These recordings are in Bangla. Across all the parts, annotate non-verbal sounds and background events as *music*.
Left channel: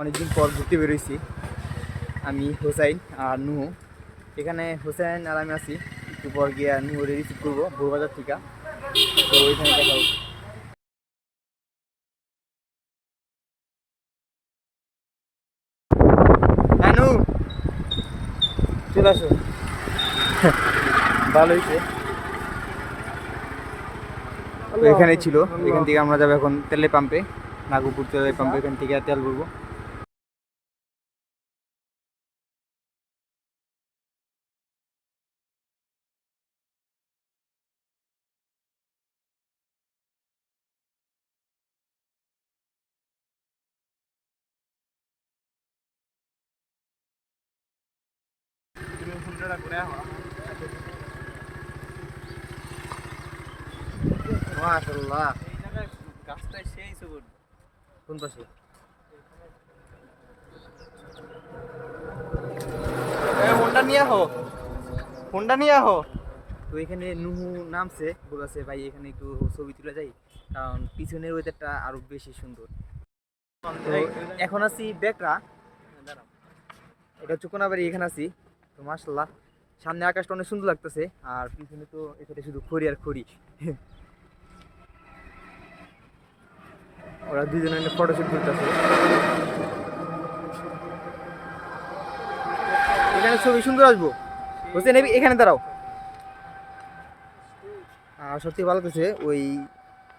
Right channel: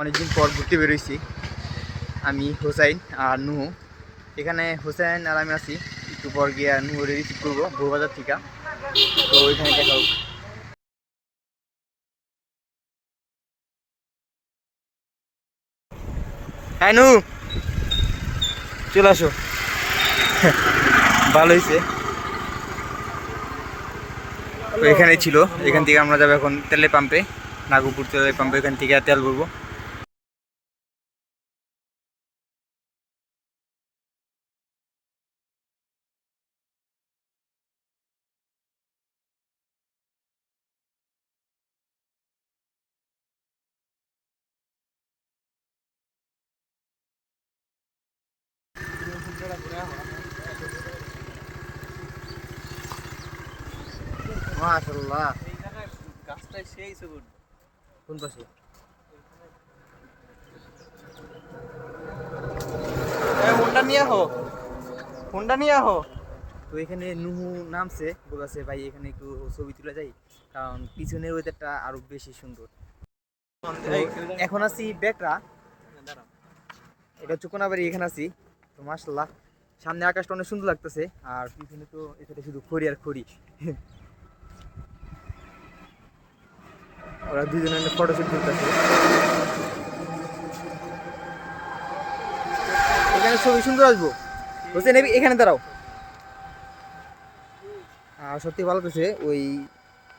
অনেকদিন পর ঘুরতে বেরোইছি। আমি হোসাইন আর নুহু। এখানে হোসেন আর আমি আছি। একটু পর গিয়ে নুহুরে রিসিভ করব ভোরবাজার থেকে। তো ওইখানে দেখা হোক। হ্যাঁ চলে আসো। ভালো হয়েছে তো এখানে ছিল। এখান থেকে আমরা যাব এখন তেলে পাম্পে, নাগপুর তেলের পাম্পে, এখান থেকে তেল ভরবো। মাশাল্লাহ গাছটা সেই সবুজ কোন পাশে এই হোন্ডা নিয়ে আহো। হোন্ডা নিয়ে আহো। তো এখানে নুহু নামছে বলেছে ভাই এখানে একটু ছবি তুলে যাই কারণ পিছনের ওয়েদারটা আরও বেশি সুন্দর। তো এখন আছি বেকরা। এটা হচ্ছে কোনাবাড়ি এখানে আছি। তো মাশাল্লাহ সামনে আকাশটা অনেক সুন্দর লাগতেছে আর পিছনে তো এখানে শুধু খড়ি আর খড়ি। ওরা দুজনে ফটোশুট করতেছে। এখানে ছবি সুন্দর আসব। হোসেন এবি- এখানে দাঁড়াও। আর সত্যি ভালো লাগতেছে ওই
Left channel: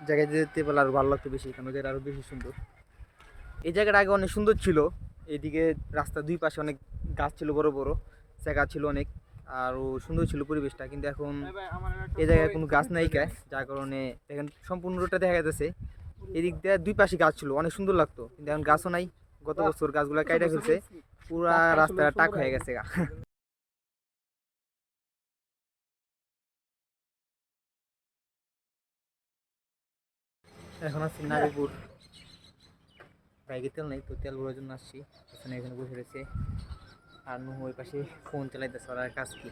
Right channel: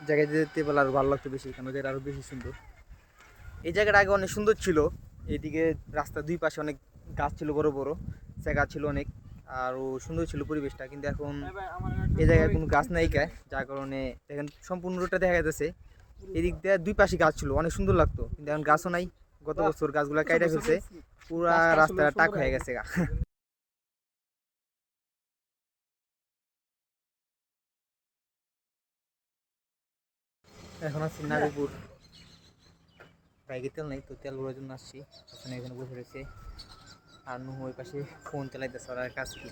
জায়গায় যেতে পারলে আরও ভালো লাগতো বেশি কারণ জায়গাটা আরও বেশি সুন্দর। এই জায়গাটা আগে অনেক সুন্দর ছিল এইদিকে রাস্তার দুই পাশে অনেক গাছ ছিল বড় বড় জায়গা ছিল অনেক আর ও সুন্দর ছিল পরিবেশটা কিন্তু এখন এই জায়গায় কোনো গাছ নাই কা যার কারণে দেখেন সম্পূর্ণ রোডটা দেখা যাচ্ছে। এদিক দিয়ে দুই পাশে গাছ ছিল অনেক সুন্দর লাগতো। কিন্তু এখন গাছও নাই গত বছর গাছগুলো কাইটা ফেলছে পুরা রাস্তা টাক হয়ে গেছে গা। এখন আছি নাগপুর। বাইকে তেল নেই তো তেল ভরার জন্য আসছি ওখানে এখানে বসে রয়েছে। আর নুহু ওই পাশে ফোন চালাইতেছে ওরা কাজ কি?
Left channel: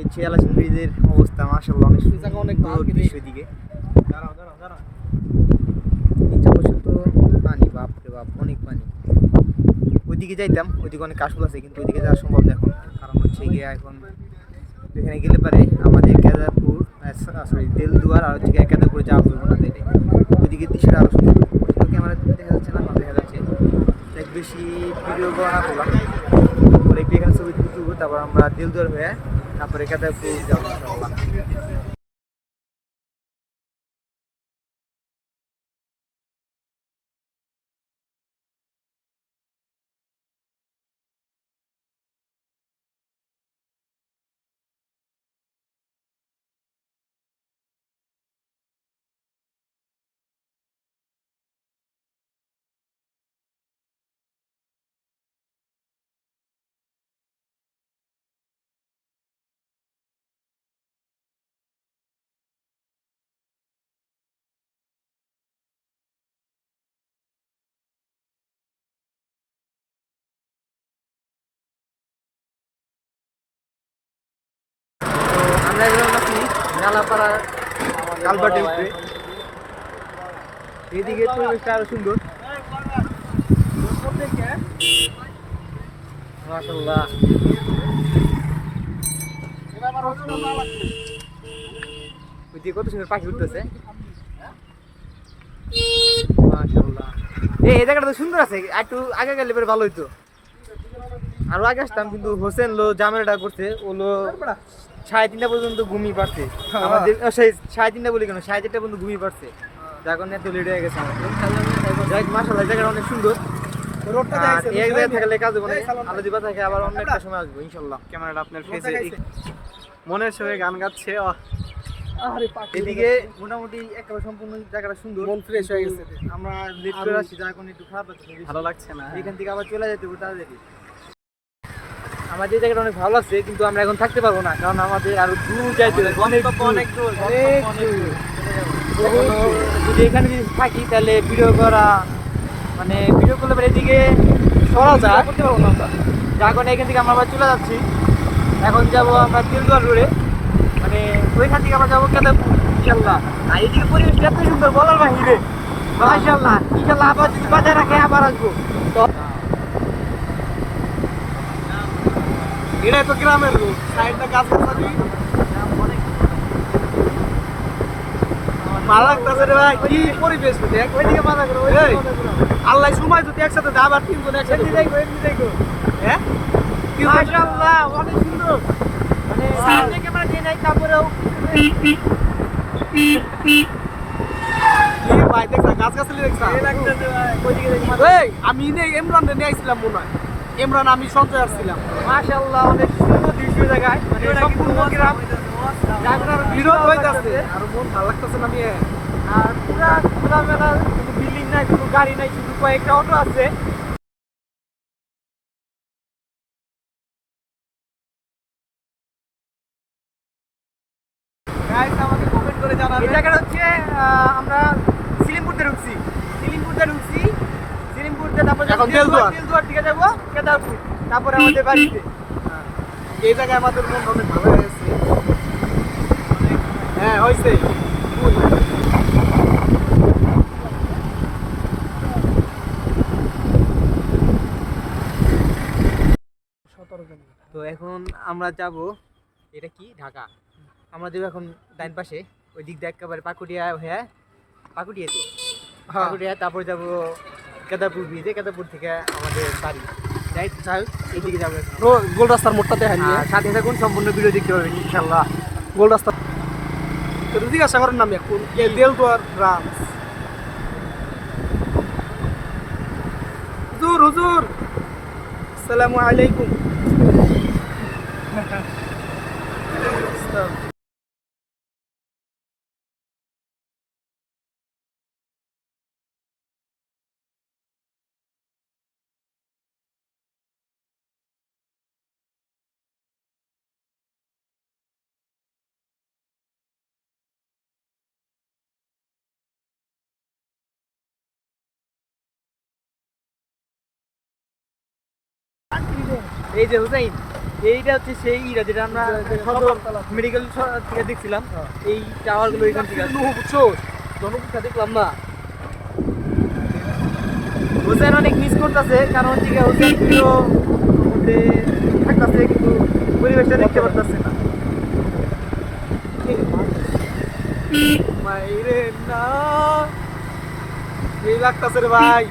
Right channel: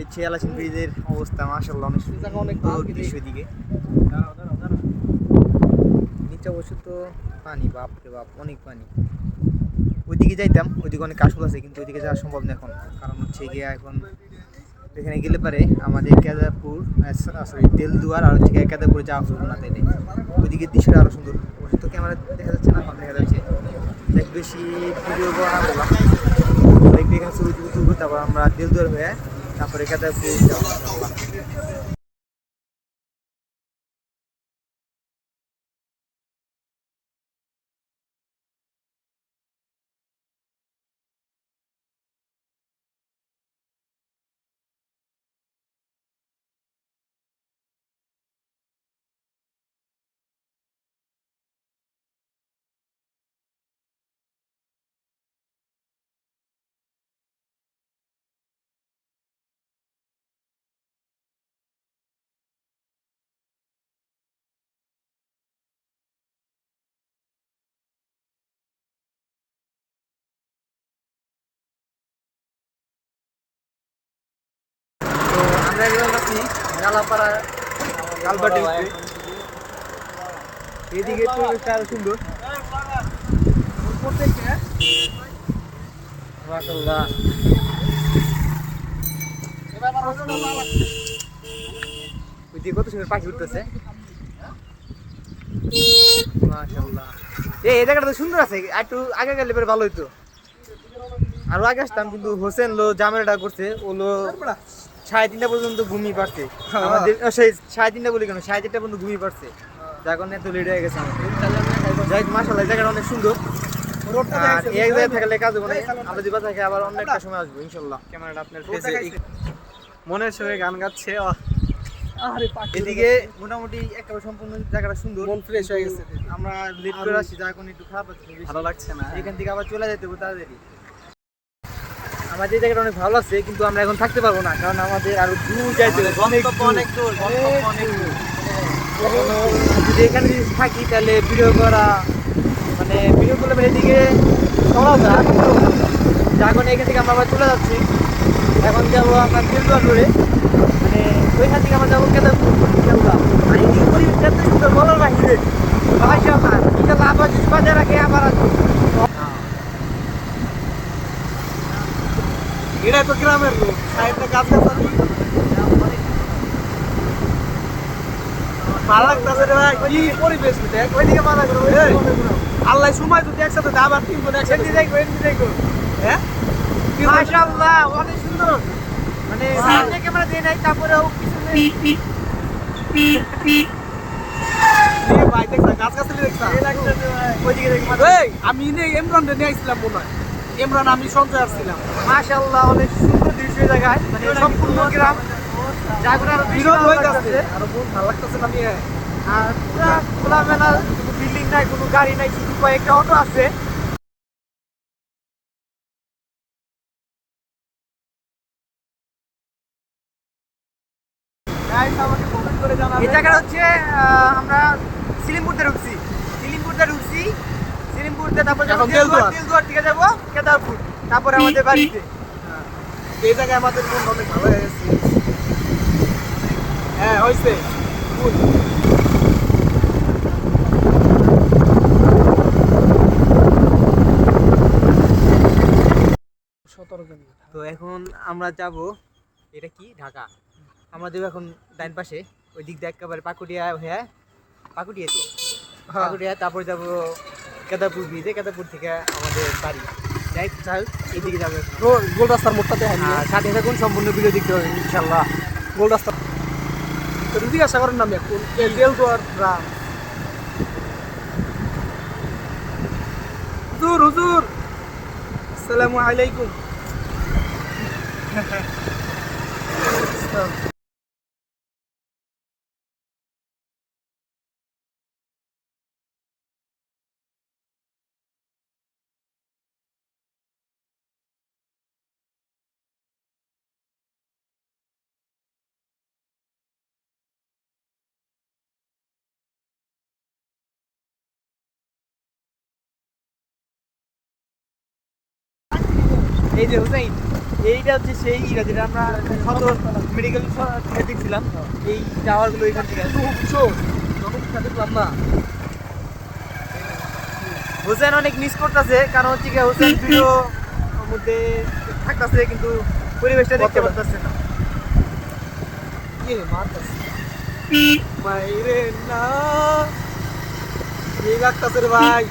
এই ছিয়ালাসিন ব্রিজের অবস্থা মাসাল্লাহ অনেক অনেক সুন্দর দৃশ্য দিকে তো পানি বাপ রে বাপ অনেক পানি। ওইদিকে যাইতাম ওইদিকে অনেক কাশফুল আছে কিন্তু ওইদিকে যাওয়া সম্ভব না এখন। কারণ হচ্ছে গিয়ে এখন এখানে গেলে পারে আমাদের কেদারপুর সরি তেলদুয়ার আর হচ্ছে কেদারপুরে যাওয়া হইব না তাইলে ওইদিকে দৃশ্যটা আরও সুন্দর। তো ক্যামেরা দেখা যাচ্ছে না দেখা যাচ্ছে। দেখ বেশি ভিডিও করা না। বললাম আমরা একটু এখানে ছবি তুলবো তারপর আমরা তেলদুয়ার হয়ে তারপরে কেদারপুর যাব ইনশাআল্লাহ আমরা গেলাম নাকি নালাপাড়া, কালবাটে উপরে এদিকে আরও সুন্দর। ওইদিকে কত সুন্দর পাখি উঠতেছে। এই জায়গাটা তো সুন্দর আছে। একটু আগে গেলে পরে ভালো হইতো। আরও আগে আসতাম, কিন্তু হোসেন লো জামেলাটা করছে। ও লো সাড়ে তিনটা পর্যন্ত ঘুমিয়ে পারছে আমাদের সেই সাড়ে তিনটা বলি কেন? সাড়ে চারটা পর্যন্ত ঘুমিয়ে পারছে যার কারণে এত লেট হয়ে গেছে আমাদের। যাই মাসাল্লাহ জায়গাটা অনেক সুন্দর। আর এক জায়গায় থাকলে কাজ হবে না। আলো দিবা থাকে আবার অন্য একটা সময় আসব ইনশাল্লাহ ক্যামেরাটা আপনার ফেসে মনের সঙ্গে গান গাচ্ছে এদিকে মোটামুটি একেবারে সম্পূর্ণ জায়গাটা সুন্দর। মন ফ্রেশ হয়ে গেছে। আমরা লেট করে আসছি যা এখন একটু খারাপ ভালো লাগছে না। এখান থেকে আবার চলে যেতে হবে তাড়াতাড়ি। আমাদের এই জায়গাটা অনেক ভালো লাগছে কিন্তু আমরা এখন থাকতে পারব না কারণ আমাদের আরও দূর যাইতে হবে অনেক। অনেক দূর যদি এখানে যদি থাকি তাহলে ভিডিও করা মানে ভিডিও করলে মানে এদিকে এখন এখান থেকে আমরা আবার চলে যাচ্ছি। এখন যাব আমরা তেলদুয়ার রোডে। মানে ওইখান থেকে আমরা যাব কেদারপুর ইনশাল্লাহ আর এইদিকে পরিবেশ এত সুন্দর বলার বাহিরে। মাশাল্লাহ ইনশাল্লাহ আবার যদি বাজার রাখে আবার আসব। এটা তো গ্রামের লোক সাইডটা গাছ গাছালি ভালো লাগতেছে রে ভাই কি পরিবেশ দেখ। ওইদিকে বাধা করো আল্লাহ সময় যদি একসাথে দেয়, আবার তিনজন একসাথে দেখো এমনি দেখো। হ্যাঁ? মাশাআল্লাহ অনেক সুন্দর। মানে সামনে ক্যামেরা দিয়ে নাই তারপরেও পিছনে ভাই দেখছা গাছ গাছালি দেখছা ওইদিকে দেখো আমি ইমরান রে নিয়ে আইছিলাম মনে হয়। ইমরান আমি সঞ্চয় আসছিলাম। মাশাআল্লাহ অনেক সুন্দর দৃশ্য জায়গায়। মানে সম্পূর্ণ গ্রাম। বেশি বিরোধ হয়ে যাচ্ছে আর মন ভালো লাগতেছে না নিয়ে আর পুরা খোলামেলা কোনো বিল্ডিং নাই কোনো গাড়ি নাই শুধু কয়েকটা অটো আছে। এই জায়গাটা হচ্ছে আমরা সিলিমপুরতে ঢুকছি। সিলিমপুরতে ঢুকছি। সিলিমপুরতে তারপর যাব এখন তেলদুয়ার তেলদুয়ার। তেলদুয়ার দিকে যাব কেদারপুর। তারপরে আমাদের বাড়িতে। এই জায়গায় আমাদের মন অনেক ভালো হয়ে গেছে। হ্যাঁ হয়েছে। ফুল। তো এখন আমরা যাব এটা কি? ঢাকা। আমরা যাব এখন ডাইন পাশে। ওই দিক দিয়ে একেবারে পাকুটিয়া হ্যাঁ পাকুটিয়া তো পাকুটিয়া তারপর যাব কেদারপুর ব্রিজে কেদারপুর থেকে আমাদের বাড়ি। যাই চাই এইদিকে যাব। গোল রাস্তার মোড়টাতে হাই সাথে থাকুন সম্পূর্ণ ভিডিও দেখতে পাবেন ইনশাল্লাহ গোল রাস্তা জিজ্ঞাসা করেন নাম বেলদুয়ার গ্রাম হুজুর হুজুর! আসসালামু আলাইকুম। *laughs* এই যে হুসাইন এইটা হচ্ছে সেই ইরা যেটা আমরা সদর মেডিকেল থেকে দেখছিলাম। এই টাওয়ারগুলো এখান থেকে। বুঝছ দেখলাম না হোসেন অনেক মিস করতেছে কারণ হচ্ছে কি হোসেন ভিডিও মধ্যে থাকতেছে কিন্তু পরিবেশটা দেখতে পারতেছে না। মাইরে না। এই লাগতাছে রে ভাই।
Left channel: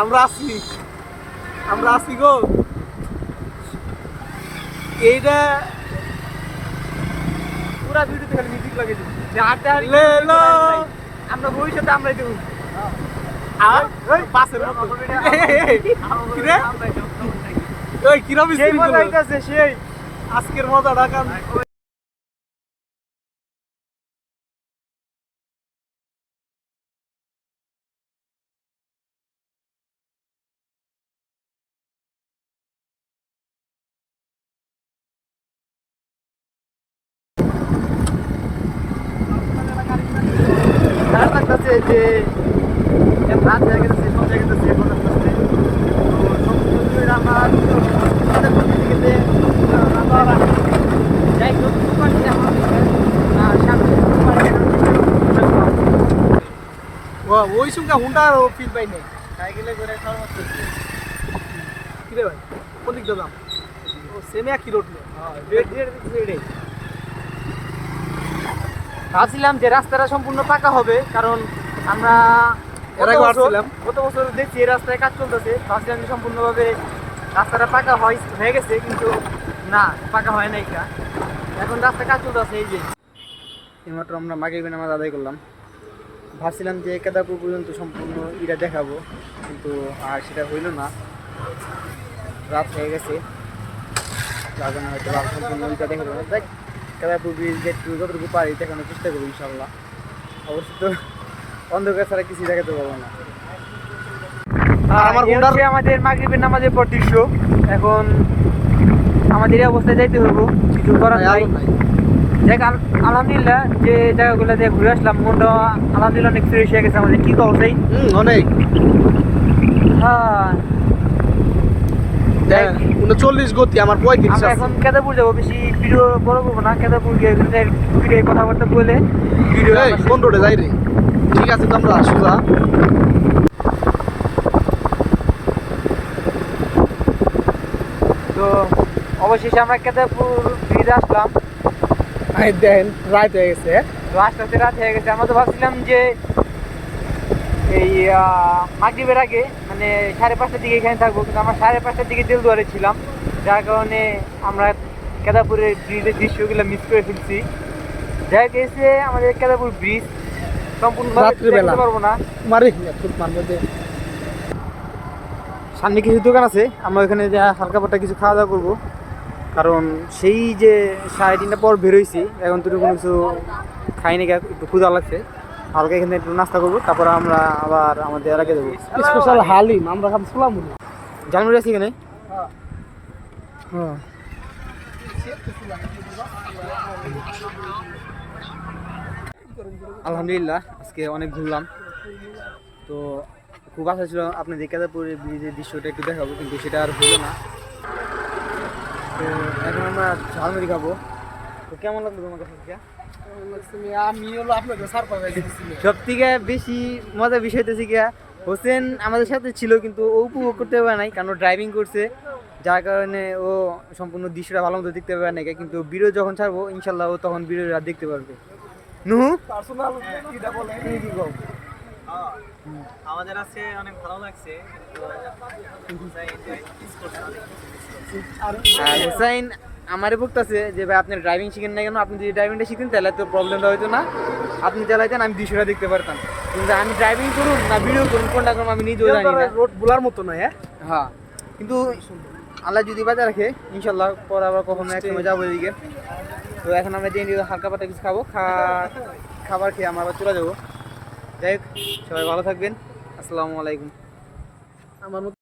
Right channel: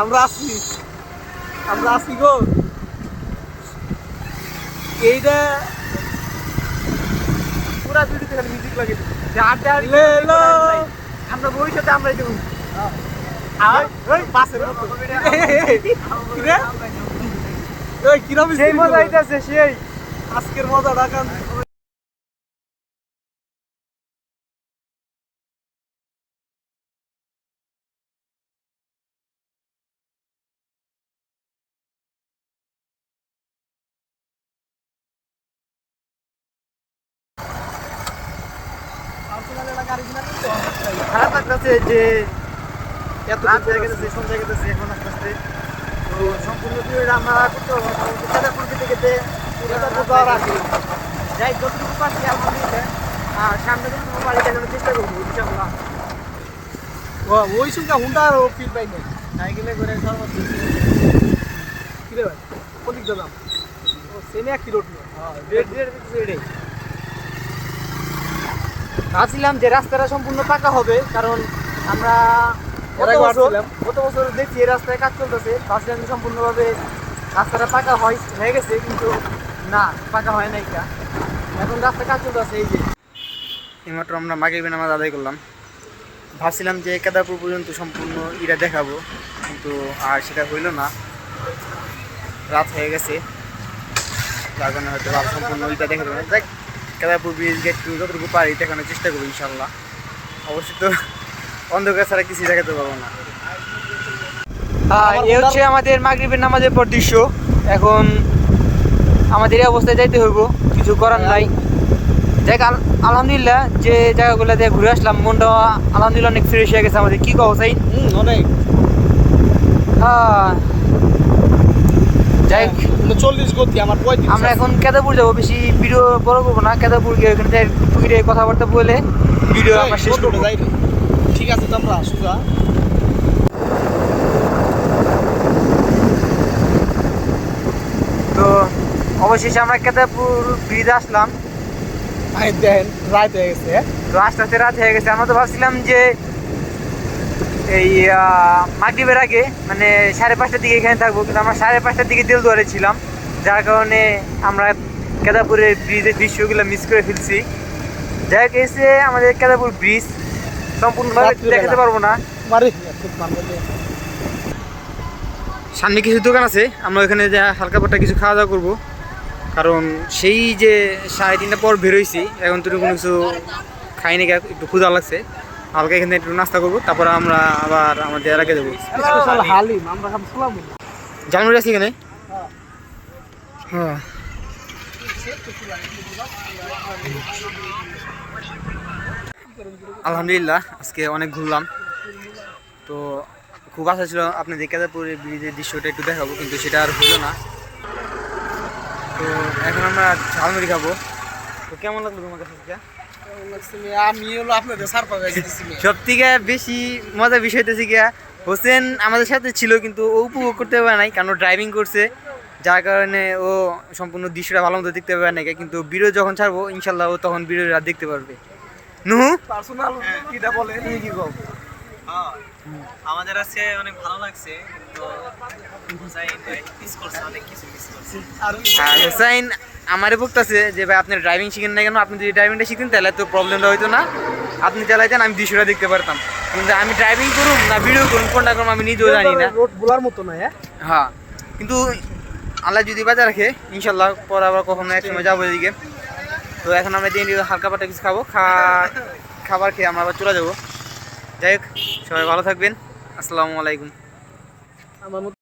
আমরা আছি আমরা আছি গো। এইটা পুরা ভিডিওতে খালি মিউজিক লাগিয়ে দিচ্ছে যে আড্ডা আর লে লো। আমরা ভবিষ্যতে আমরাই দেবো। আর? ওই বাসের মতো কি রে? ওই কিরম সেই মজা? সেই। আজকের মজা ঢাকান লাগতেছে যে রাত হয়ে গেছে সব জায়গায় গেছে এখন আস্তে আস্তে। তো সম্পূর্ণ ভিডিওটা আমরা কিন্তু প্রকৃতি গেতে যাই হোক পারছি আমাদের আর সামনে থেকে পারি দেখানোর চেষ্টা করব ওই সঙ্গে হুন্ডা ও ফিল পাই না সাইকেলে করে সর্বোচ্চ। কি রে ভাই? কোন দিক দাম ও সেমে এক কিলো উঠল রেড রেড এটাই ভাবছিলাম যে রাস্তাটা সম্পূর্ণ পাকা হবে কারণ আমরা গত বছর গত বছর দেখছি এই রাস্তায় কাজ চলতেছে ভাবছিলাম যে সম্পূর্ণভাবে রাস্তাটা পাকা হয় হয়ে গেছে কিন্তু না পাকা হয় নাই কা এখন রাস্তা কাজ চলতেছে এই যে। এইমাত্র আমরা মাগরিবের নামাজ আদায় করলাম। ভাবছিলাম যে কেদারপুর পর্যন্ত সম্পূর্ণ ইটা দেখাবো কিন্তু আর সেটা হইল না। রাত হয়ে গেছে। যার কারণে হয়তো আর সম্পূর্ণ ইটা দেখে দেবো না। দেখ কেদারপুর ব্রিজ গেট টু যতটুকু পারি দেখানোর চেষ্টা করব ইনশাল্লাহ অবশ্যই তো অন্ধকার ছাড়া কিছুই দেখাতে পারব না। এই হচ্ছে আমাদের মাগরিবের নামাজের পর দৃশ্য। এখন আমাদের এই অবস্থায় যাইতে হইব। কিছু করার নাই। দেখ আল- আলহামদুলিল্লাহ যে জায়গাগুলো দিয়ে ঘুরে আসলাম মনটা আলহামদুলিল্লাহ অনেক ফ্রেশ হয়ে গেছে আমাদের। কি কব চাই অনেক। হ্যাঁ। যাই হোক, উনচল্লিশ গতি আমার পঁয়ত্রিশ আমরা এখন কেদারপুর যাব। বেশি ভিডিও বড় করব না। কেদারপুর গিয়ে ওখানে যাই টুকিটে কথাবার্তা বলে ভিডিও আমরা শেষ করব। যাই রে? ঠিক আছে তো আমরা সুজা তো অবশেষে আমরা কেদারপুর ব্রিজে আসলাম। আই দেন রাত হয়ে গেছে। তো আস্তে আস্তে রাত হয়ে গেছে। আমরা তো ভাবছিলাম যে এই মাগরীবের আগে মানে সাড়ে পাঁচটার দিকে এখানে থাকব কিন্তু আমরা সাড়ে পাঁচটার দিকে দেলদুয়ারে ছিলাম যার কারণে আমরা কেদারপুরের ব্রিজের দৃশ্যগুলো মিস করে ফেলছি। যাই হোক এসে আমাদের কেদারপুর ব্রিজ সম্পূর্ণভাবে দেখাতে পারব না। সামনে কিছু দোকান আছে আমরা ওখানে যা হালকা পাট্টা কিছু খাওয়া দাওয়া করব। কারণ সেই যে সাড়ে তিনটা পর বেরোইছি এখন তো কোনো কিছু খাইনি একটু ক্ষুধা লাগছে। হালকা এখানে একটু নাস্তা করব তারপর আমরা আবার আমাদের এলাকায় যাব। স্পেশাল হালিম আমরা সব জানুয়ারি আছে এখানে? হ্যাঁ। আলহামদুলিল্লাহ আজকে অনেক ঘুরলাম। তো খুব আশা ছিল আপনাদের কেদারপুরের ব্রিজের দৃশ্যটা একটু দেখাবো কিন্তু সেটা আর হলো না। তো এখন আমরা ঝালমুড়ি খাব। তো কেমন লাগল তোমার কাছে? আমি হলো আপনাদের সারপ্রাইজ সব থেকে বেশি মজার বিষয় হচ্ছে গিয়া হোসেন আমাদের সাথে ছিল কিন্তু ও উপভোগ করতে পারে নাই কারণ ড্রাইভিং করছে যার কারণে ও সম্পূর্ণ দৃশ্যটা ভালো মতো দেখতে পারে না কিন্তু বিরো যখন ছাড়বো ইনশাল্লাহ ও তখন বিরো রাত দেখতে পারবে। নুহু? পার্সোনাল কিটা বলে তুমি কি কও? আমাদের আজকে অনেক ভালো লাগছে তো হুসাইন ভাই মিস করছে অনেক কিছু মিস করছে। আর হোসাইন আমারে বলতেছে যে ভাই আপনি ড্রাইভিং শিখেন না কেন? আপনি যদি ড্রাইভিংটা শিখতেন তাহলে তো প্রবলেমটা হইতো না। আপনি চালাইতেন আমি দৃশ্যটা দেখতে পারতাম। কিন্তু আমি ড্রাইভিং করুন না ভিডিও করুন কোনটা করুন আমি নিজেও জানি না। রোড বোলার মতো নয় হ্যাঁ? হ্যাঁ। কিন্তু আল্লাহ যদি বাজার রাখে ইনশাল্লাহ পর আবার কখনো এক সময় যাব এদিকে। তো এখন আমরা দিন হালকা পাটা কিছু খাব খা খাবার খেয়ে আমরা আবার চলে যাব। যাই হোক সবাই ভালো থাকবেন। আসসালামু আলাইকুম। আমার